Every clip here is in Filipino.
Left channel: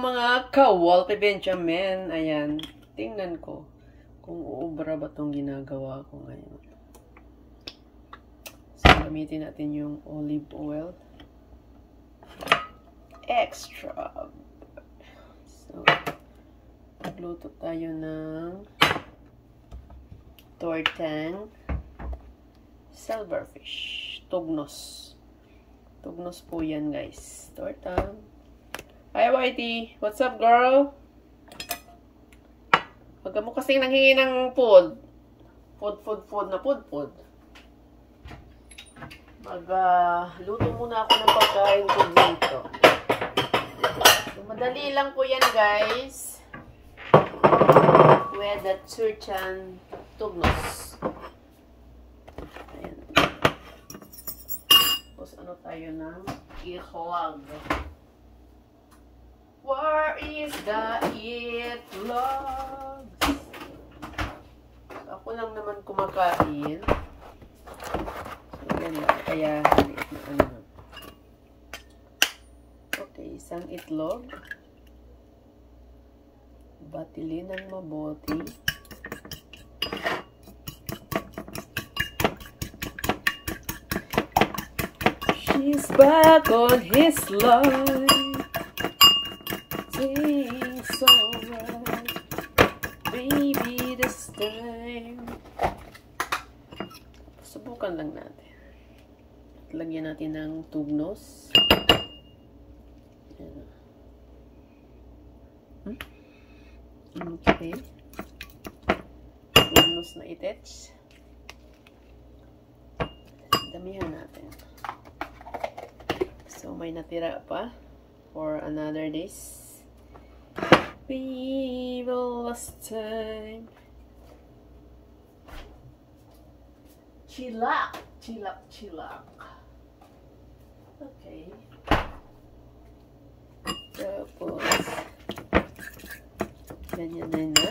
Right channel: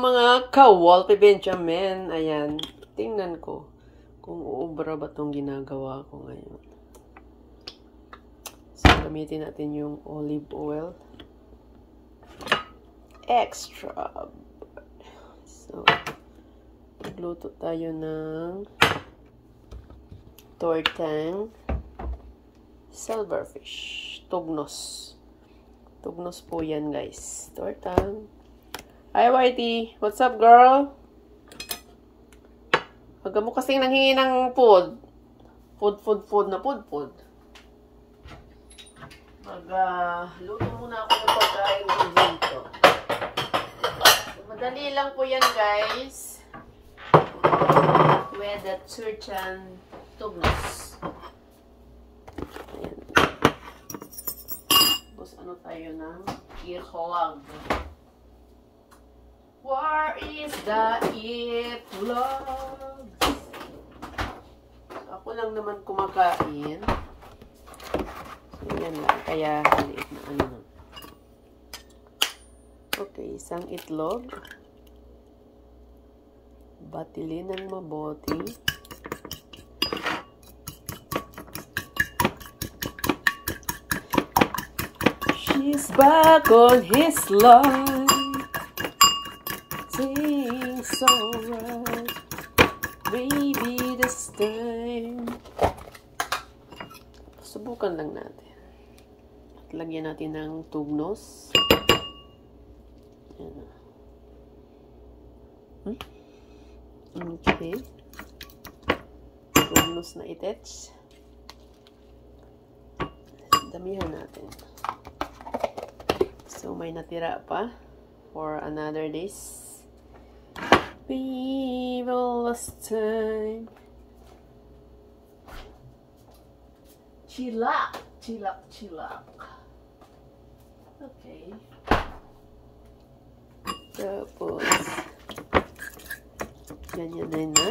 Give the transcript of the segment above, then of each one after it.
mga ka-Walter Benjamin. Ayan. Tingnan ko kung uubra ba itong ginagawa ko ngayon. So, gamitin natin yung olive oil. Extra. So, magluto tayo ng tortang silverfish. Tugnos. Tugnos po yan, guys. Tortang. Hi, Whitey. What's up, girl? Huwag mo kasing nanghingi ng food. Food na food. Luto muna ako ng pagkain ko dito. So, madali lang po yan, guys. With the turtan tugnos. Ayan. Tapos ano tayo ng itlog. Where is the itlog? Ako lang naman kumakain. So, yan na. Kaya, maliit na ano na. Okay, isang itlog. Batilin ng mabuti. She's back on his line. It's alright, baby, this time. Subukan lang natin. At lagyan natin ng tugnos. Okay. Tugnos na itech. Damihan natin. So, may natira pa for another days. We will last time. Chilak. Okay. Tapos, ganyan din na.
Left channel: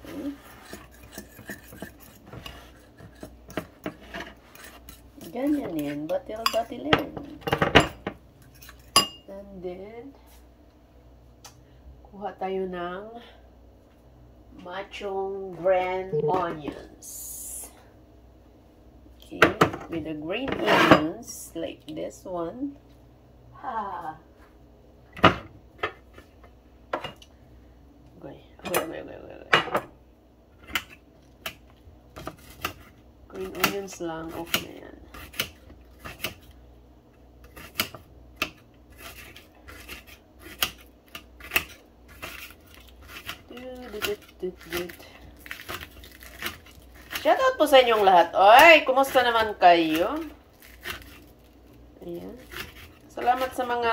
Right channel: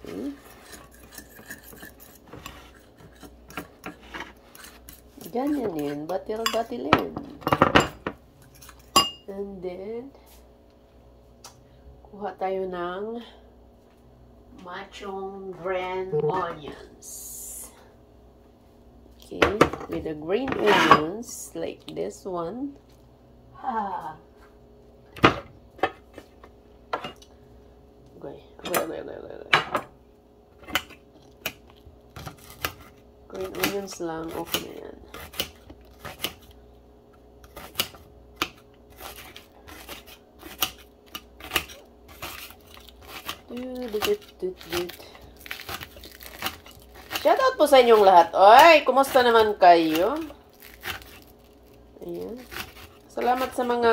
Okay. Ganyan din. Batil-batilin. And then, kuha tayo ng machong green onions. Okay, with the green onions, like this one. Okay. Green onions lang, okay na yan. Shoutout po sa inyong lahat. Oy, kumusta naman kayo? Ayan. Salamat sa mga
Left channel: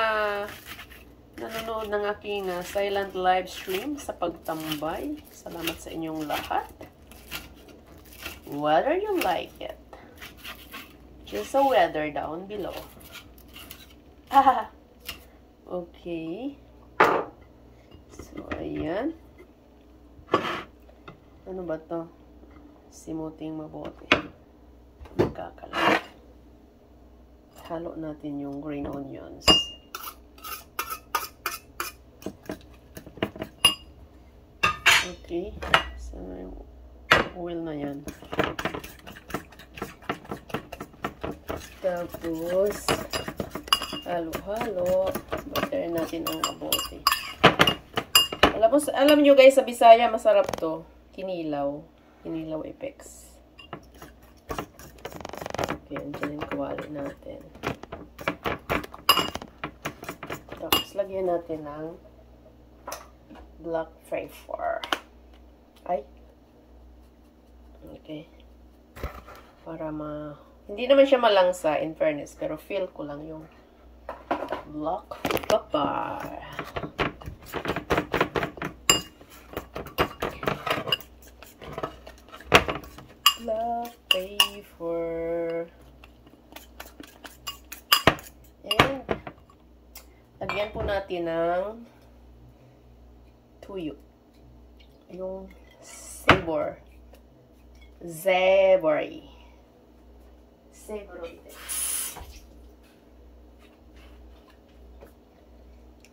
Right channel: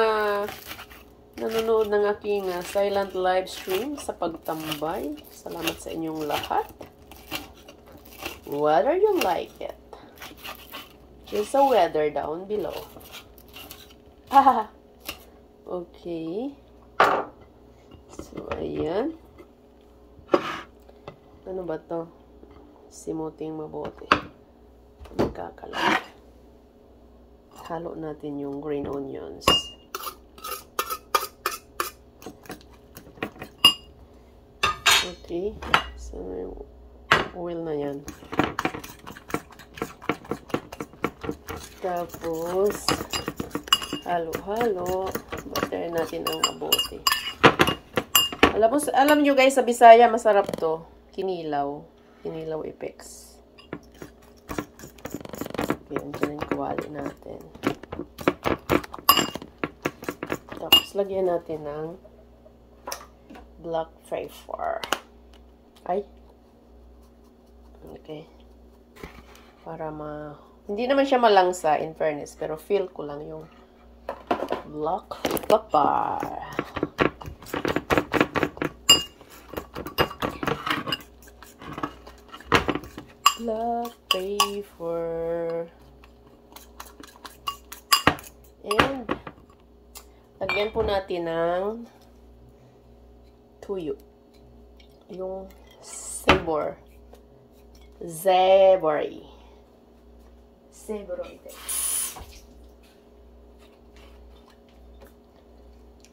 nanonood ng aking silent live stream sa pagtambay. Salamat sa inyong lahat. Whether you like it. Just a weather down below. Okay. So, ayan. Ano ba to? Simuting mabuti. Magkakalat. Halo natin yung green onions. Okay. So, oil na yan. Tapos, halo-halo. Batayin natin ang mabuti. Alam nyo guys, sa Bisaya, masarap to. Kinilaw. Kinilaw Apex. Okay, andyan yung kawali natin. Tapos, lagyan natin ng black pepper. Ay. Okay. Para hindi naman siya malangsa, in fairness. Pero feel ko lang yung black pepper. Black pepper. And, lagyan po natin ng tuyo. Yung sabor. Zebory.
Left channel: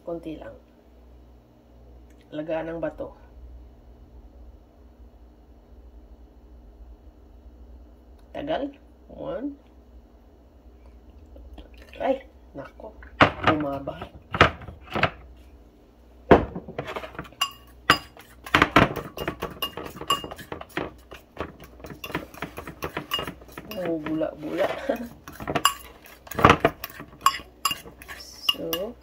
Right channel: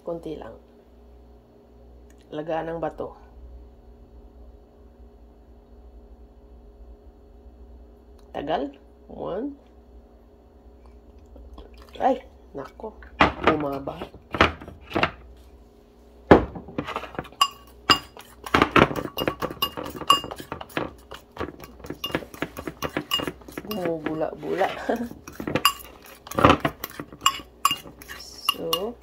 Konti lang. Lagaan ng bato. Tagal. 1. Ay, nako. Bumaba. Bula-bula. So,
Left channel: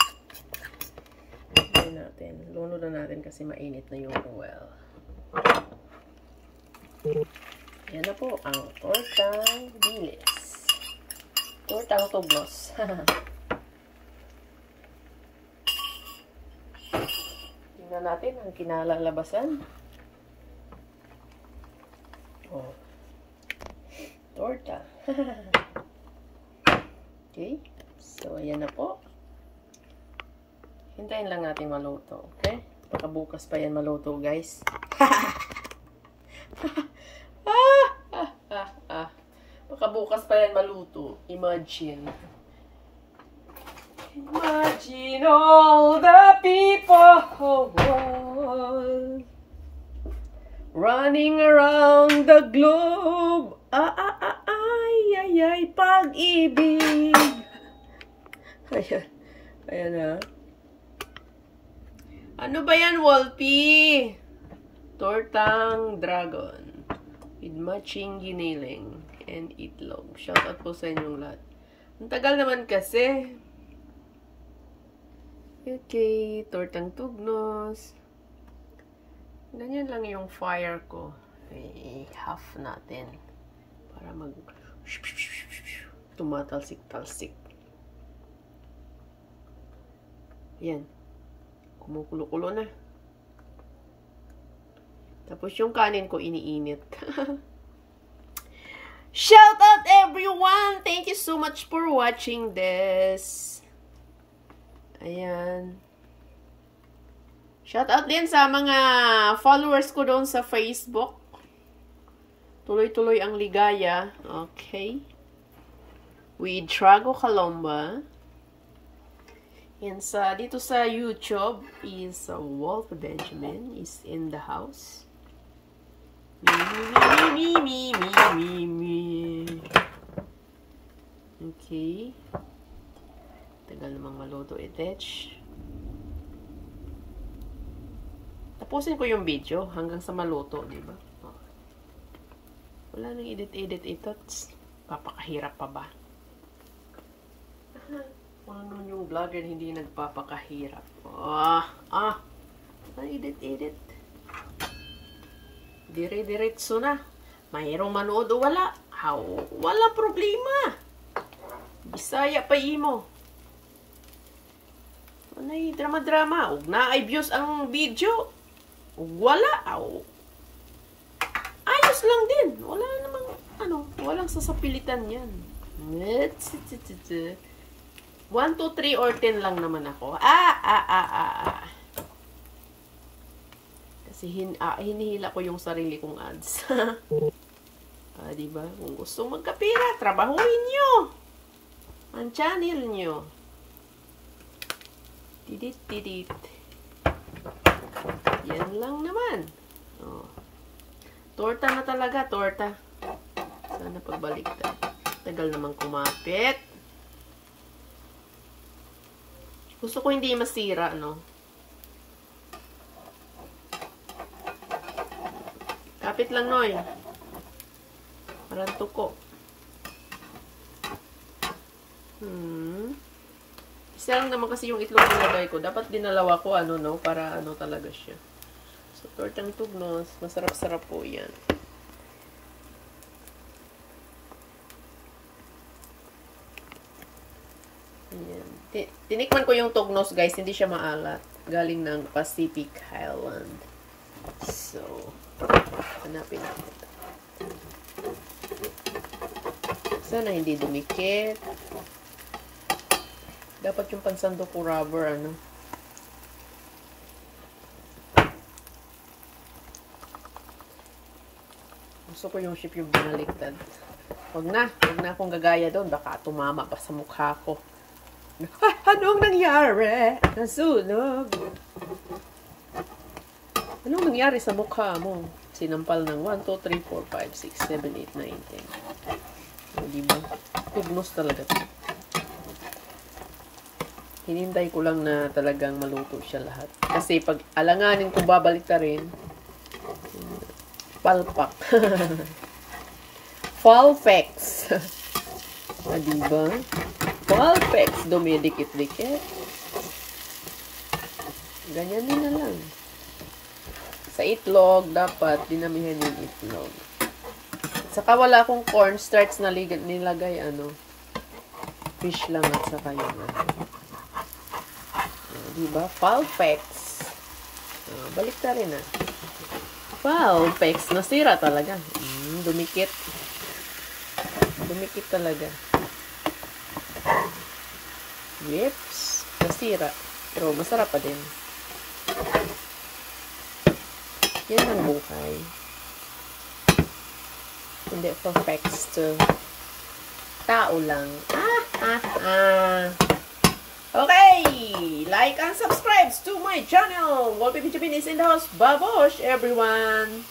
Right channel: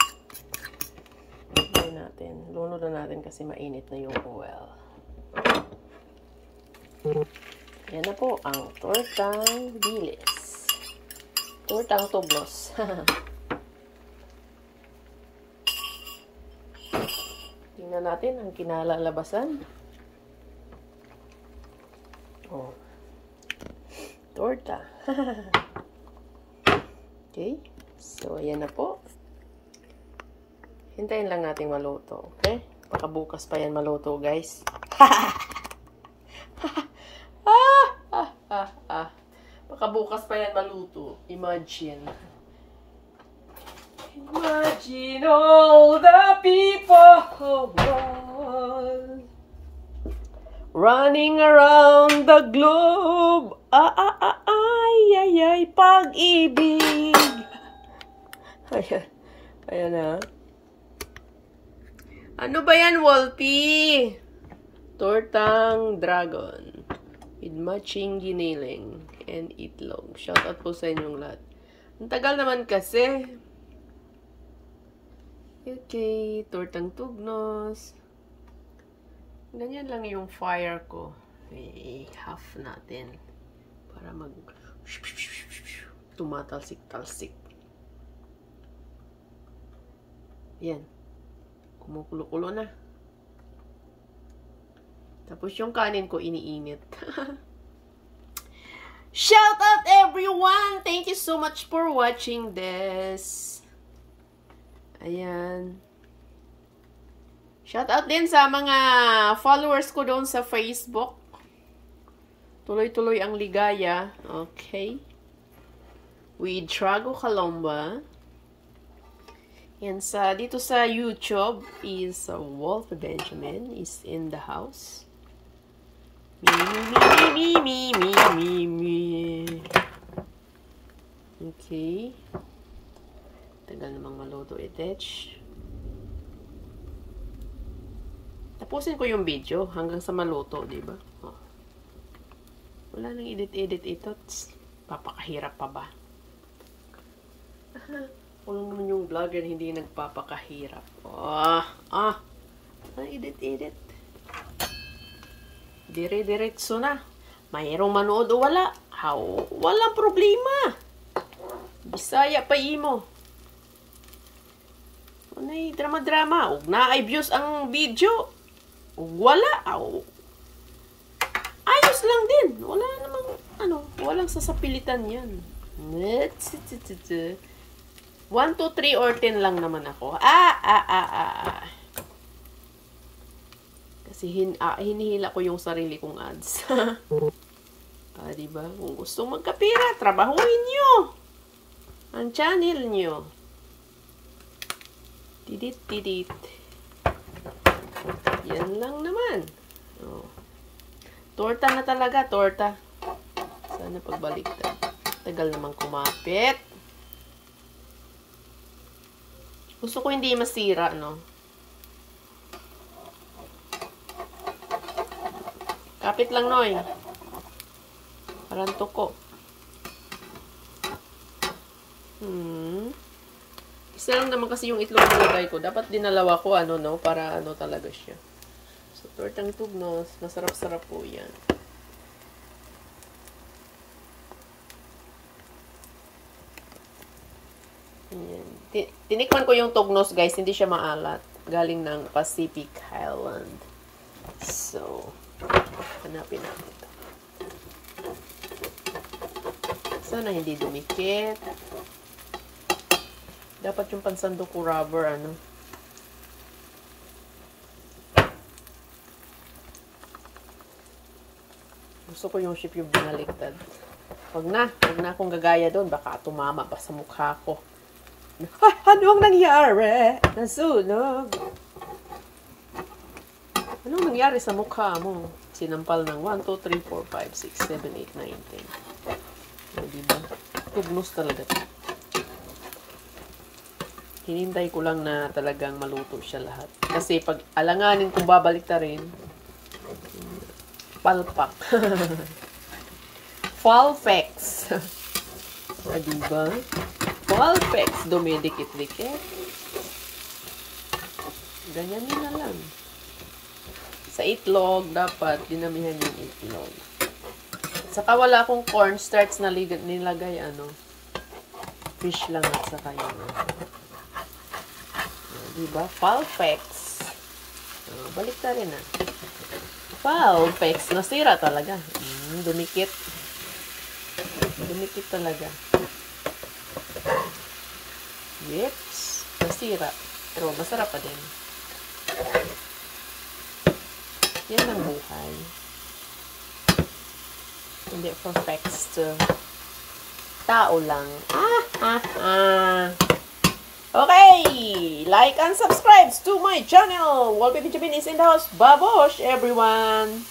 natin. Lunod na natin kasi mainit na yung oil. Yan na po ang tortang bilis. Tortang tublos. Tingnan natin ang kinalalabasan. Oh. Torta. Okay. So, ayan na po. Hintayin lang natin maluto. Okay? Baka bukas pa yan maluto, guys. Baka bukas pa yan maluto. Imagine. Imagine all the people running around the globe. Ay, pag-ibig. Ayan. Ayan na. Ano ba yan, Wolfie? Tortang dragon with matching giniling and itlog. Shout out po sa inyong lahat. Ang tagal naman kasi. Okay, tortang tugnos. Ganyan lang yung fire ko. I-half natin para mag tumatalsik-talsik. Yan. Kumukulo-kulo na. Tapos yung kanin ko iniinit. Shout out everyone! Thank you so much for watching this. Ayan. Shout out din sa mga followers ko doon sa Facebook. Tuloy-tuloy ang ligaya. Okay. With Trago Calomba. And dito sa YouTube is Wolf Benjamin is in the house. Me. Okay. Tagal namang maluto itech. Tapusin ko yung video hanggang sa maluto, di ba? Oh. Wala nang edit ito. Papakahirap pa ba? Wala naman yung vlogger hindi nagpapakahirap. Edit. Dire-diretso na. Mayroong manood o wala. Walang problema. Bisaya pa imo. Anay drama-drama. Ug naay views ang video. Ug wala. Ayos lang din. Wala namang walang sasapilitan yan. 1, 2, 3 or 10 lang naman ako. Kasi hinihila ko yung sarili kong ads. Diba? Kung gustong magkapira, trabahuin nyo ang channel nyo. Tidit. Yan lang naman. Oh. Torta na talaga, torta. Sana pagbaliktad. Tagal namang kumapit. Gusto ko hindi masira, no? Kapit lang, Noy. Parang tuko. Isa lang naman kasi yung itlog nilagay ko. Dapat dinalawa ko, para talaga siya. So, tortang tugnos. Masarap-sarap po yan. Ayan. Tinikman ko yung tugnos, guys. Hindi siya maalat. Galing ng Pacific Highland. So, hanapin natin. Sana hindi dumikit. Dapat yung pansando ko rubber, Gusto ko yung shape yung binaligtad. Wag na akong gagaya doon. Baka tumama pa sa mukha ko. Anong nangyari? Nasunog. Anong nangyari sa mukha mo? Sinampal ng 1, 2, 3, 4, 5, 6, 7, 8, 9, 10. O, diba? Goodness talaga. Hinintay ko lang na talagang maluto siya lahat. Kasi pag alanganin kung babalik ta rin, palpak. Falfex. Diba? Falfex. Dumidikit-dikit. Ganyan din na lang. Sa itlog, dapat dinamihan yung itlog. Saka wala akong cornstarch na nilagay, fish lang at saka yun. Diba? Falfex. Balik na rin, Falfex. Nasira talaga. Dumikit. Dumikit talaga. Yips. Nasira. Pero masarap pa din. Yan ang buhay. Hindi perfect. Tao lang. Okay! Like and subscribe to my channel. Wallpaper Benjamin is in the house. Babosh, everyone!